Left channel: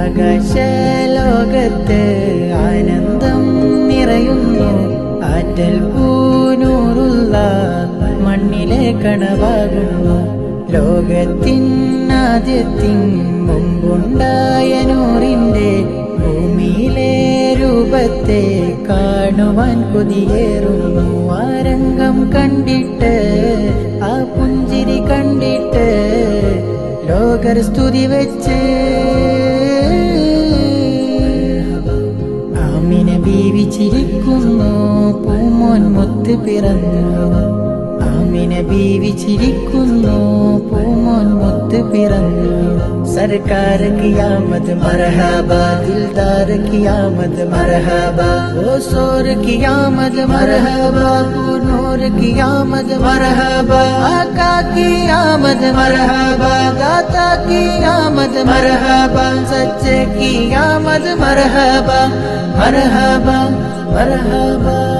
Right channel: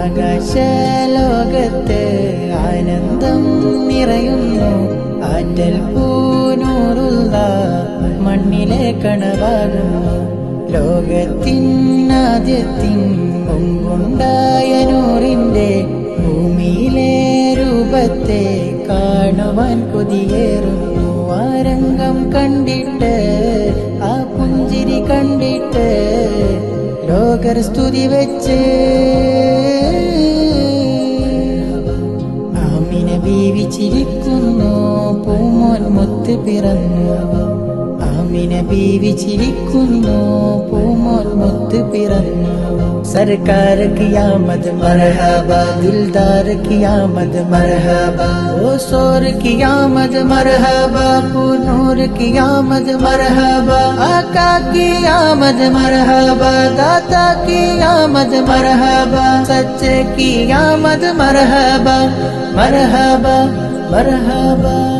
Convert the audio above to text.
ആകാശലോകത്ത് ആനന്ദം നിറയുന്നു. ആറ്റൽ പൂനൂറുള്ള മണ്ണിലെ കണവാകുന്നു. ലോകത്തിനാദ്യത്തിൻ മുമ്പുണ്ടായ നൂറിന്റെ ഭൂമിയിലെ രൂപത്തെ കാണുവാൻ കൊതിയേറുന്നു. ആ രംഗം കണ്ടിട്ട്, ആ പുഞ്ചിരി കണ്ടിട്ട് ലോകർ സ്തുതി വെച്ച് ആമിന ബീവി ചിരിക്കുന്നു. പൂമോൻ മുത്ത് പിറന്നു. ആമിന ബീവി ചിരിക്കുന്നു. പൂമോൻ മുത്ത് പിറന്നു. സർക്കാർ ഖിയാമത് മർഹബ, ദിൽദാർ ഖിയാമത് മർഹബ, ഓസോർ ഖിയാമത് മർഹബ, പൂനൂർ ഖിയാമത് മർഹബ, ആका ഖിയാമത് മർഹബ, दाता ഖിയാമത് മർഹബ, സच्चे ഖിയാമത് മർഹബ, മർഹബ മർഹബ.